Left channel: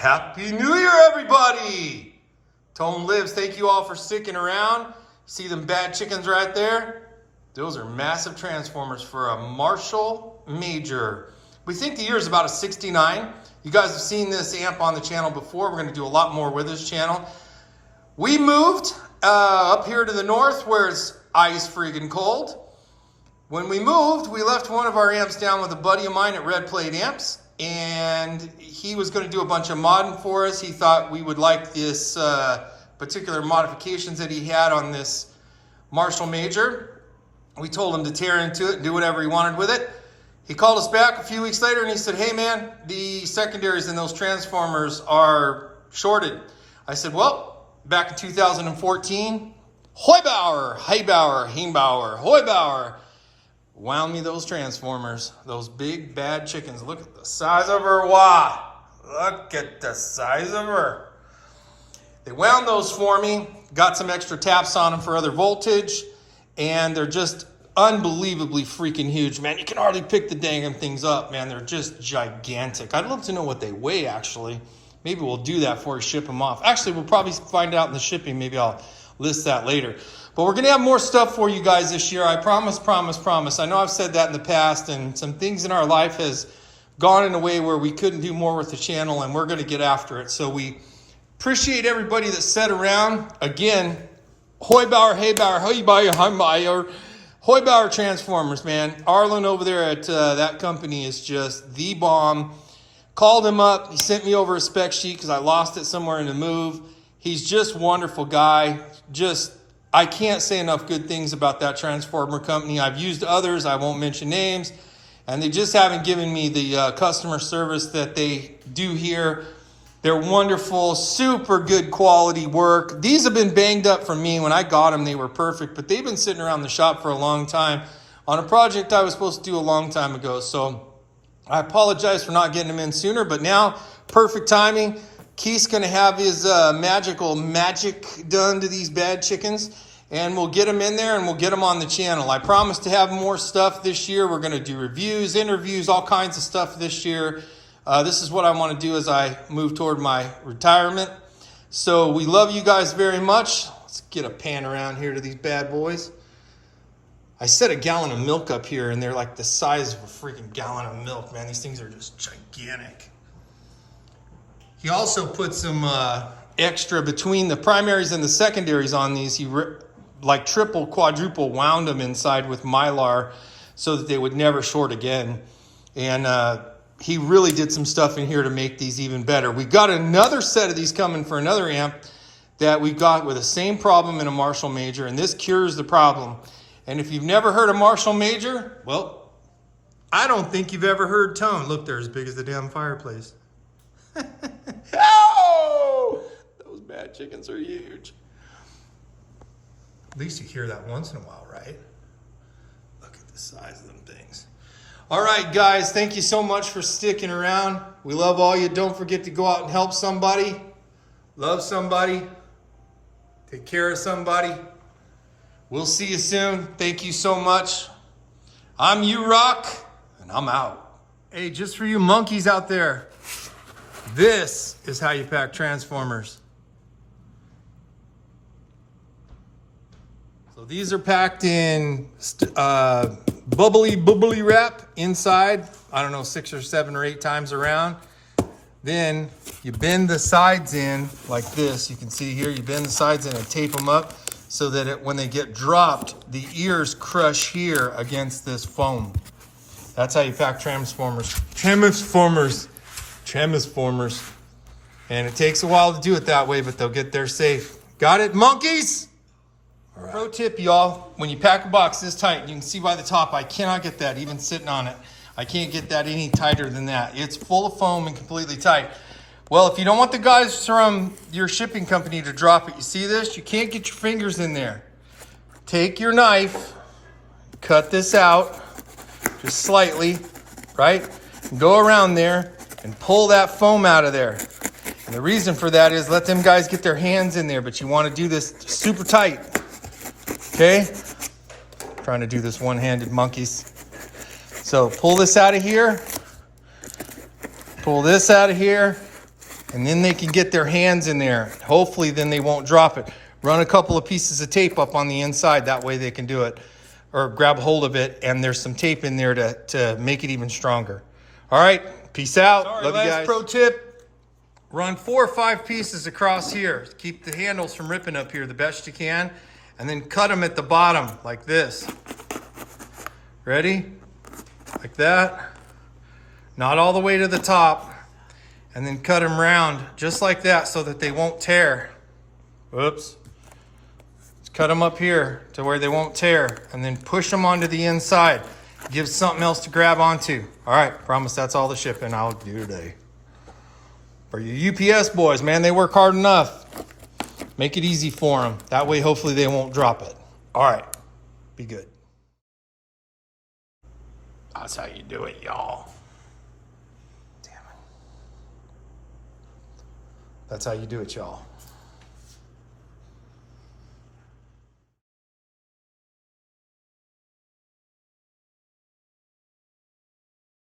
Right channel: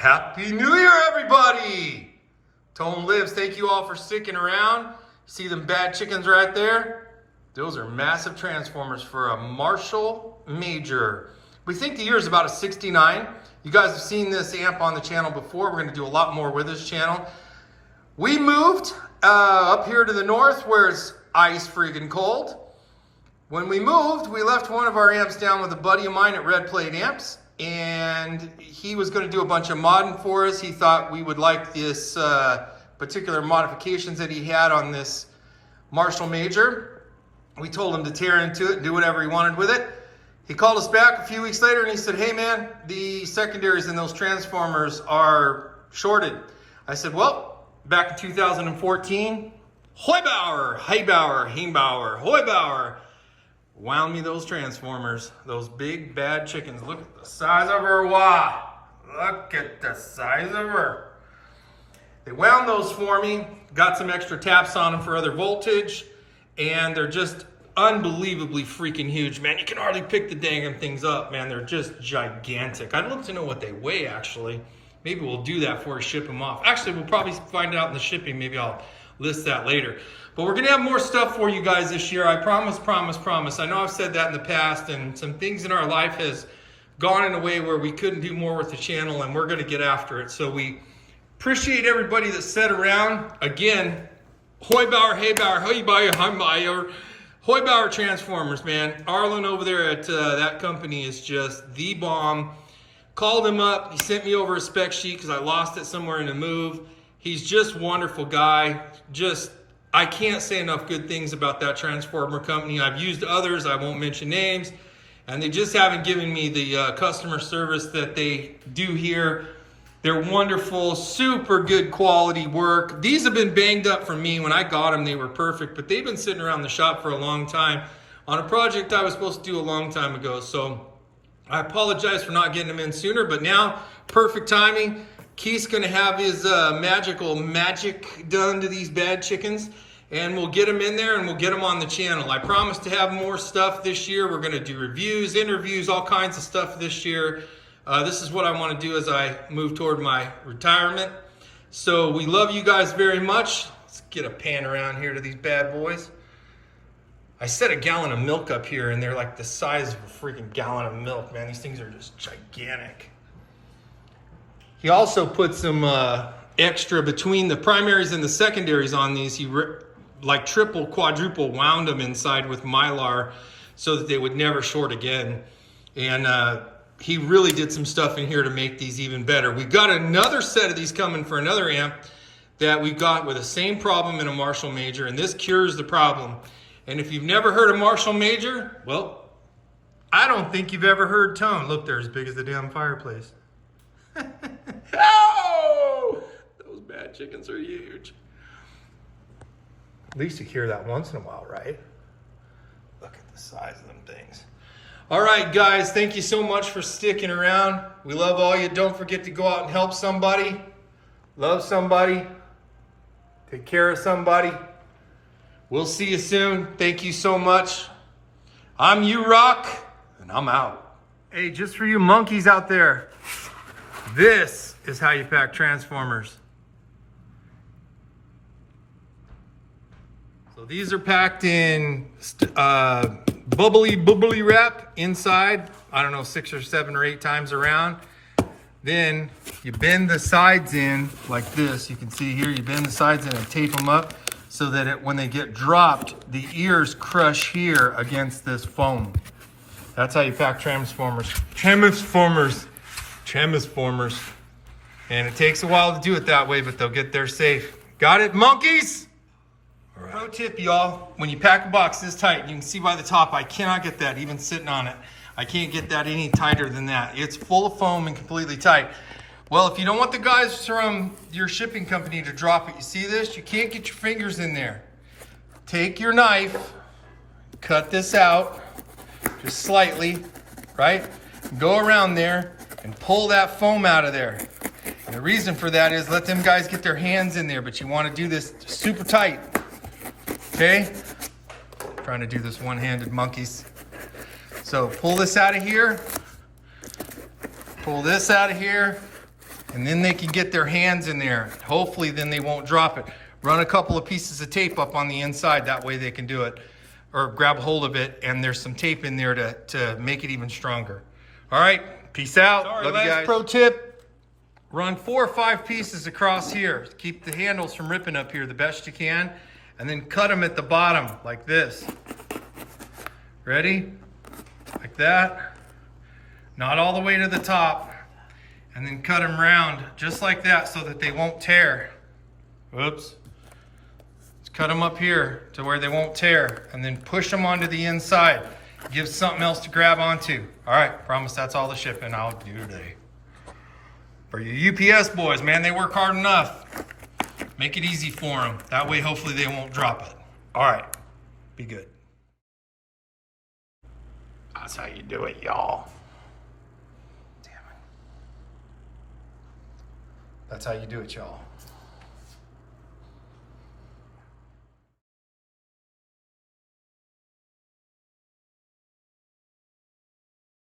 Happy New Year, everybody! Tone lives. Thank you all for sticking around. See them bad chickens right there? Those are massive transformers for a Marshal Major. We think the year is about a 69. You guys have seen this amp on the channel before. We're going to do a lot more with this channel. We moved up here to the north where it's ice freaking cold. When we moved, we left one of our amps down with a buddy of mine at Red Plate Amps, and he was going to do a bunch of modding for us. He thought we would like this particular modifications that he had on this Marshal Major. We told him to tear into it and do whatever he wanted with it. He called us back a few weeks later and he said, hey man, the secondaries in those transformers are shorted. I said, well, back in 2014, Heubauer, Heubauer, wound me those transformers, those big bad chickens. Look at the size of her, wow. Look at the size of her. They wound those for me, got some extra taps on them for other voltage, and they're just unbelievably freaking huge, man. You can hardly pick the dang things up, man. They're just gigantic. I'd love to know what they weigh, actually. Maybe we'll do that before we ship them off. Actually, we'll probably find out in the shipping. Maybe I'll list that later. But we're gonna have more stuff for you guys this year. I promise. I know I've said that in the past, and some things in our life has gone in a way where we couldn't do more with the channel, and we're gonna get after it. So we appreciate everybody that sat around. Again, Heubauer Transformers, man. Arlen over there at that company is just the bomb. Called him up. He sent me over a spec sheet because I lost it somewhere in the move. He's just a wonderful guy. I can't say enough good things about that transformer company. I've used others. I won't mention names. And they just haven't given me the customer service that they do here. They're wonderful, super good quality work. These have been banged up for me. When I got them, they were perfect, but they've been sitting around the shop for a long time on a project I was supposed to do a long time ago. So I apologize for not getting them in sooner, but now, perfect timing. Keith's gonna have his magic done to these bad chickens, and we'll get them in there and we'll get them on the channel. I promise to have more stuff this year. We're gonna do reviews, interviews, all kinds of stuff this year. This is what I want to do as I move toward my retirement. So we love you guys very much. Let's get a pan around here to these bad boys. I set a gallon of milk up here and they're like the size of a freaking gallon of milk, man. These things are just gigantic. He also put some extra between the primaries and the secondaries on these. He like triple, quadruple wound them inside with Mylar so that they would never short again. And he really did some stuff in here to make these even better. We got another set of these coming for another amp that we got with the same problem in a Marshal Major, and this cures the problem. And if you've never heard a Marshal Major, well, I don't think you've ever heard tone. Look, they're as big as the damn fireplace. Oh! Those bad chickens are huge. At least you hear that once in a while, right? Look at the size of them things. All right, guys, thank you so much for sticking around. We love all you. Don't forget to go out and help somebody, love somebody, take care of somebody. We'll see you soon. Thank you so much. I'm U-Rock, and I'm out. Hey, just for you monkeys out there, this is how you pack transformers. So these are packed in bubbly wrap inside, I don't know, 6 or 7 or 8 times around. Then you bend the sides in like this. You can see here, you bend the sides in and tape them up so that when they get dropped, the ears crush here against this foam. That's how you pack transformers. Transformers. And it takes a while to do it that way, but they'll get there safe. Got it, monkeys? All right. Pro tip, y'all, when you pack a box this tight, you can see by the top, I cannot get that even sitting on it. I can't get that any tighter than that. It's full of foam and completely tight. Well, if you don't want the guys from your shipping company to drop it, you see this? You can't get your fingers in there. Take your knife, cut this out, just slightly, right? Go around there and pull that foam out of there. And the reason for that is let them guys get their hands in there, but you want to do this super tight. Okay? Trying to do this one-handed, monkeys. So pull this out of here. Pull this out of here. And then they can get their hands in there. Hopefully then they won't drop it. Run a couple of pieces of tape up on the inside. That way they can do it. Or grab hold of it, and there's some tape in there to make it even stronger. All right, peace out. Sorry, Love you guys. Pro tip, run 4 or 5 pieces across here. Keep the handles from ripping up here the best you can, and then cut them at the bottom like this. Ready? Like that. Not all the way to the top. And then cut them round just like that so that they won't tear. Whoops. Cut them up here to where they won't tear, and then push them onto the inside. Give something else to grab onto. All right, promise that's all the shipping I'll do today. For you UPS boys, man, they work hard enough. Make it easy for them. That way, hopefully they won't drop it. All right, be good. That's how you do it, y'all. That's how you do it, y'all.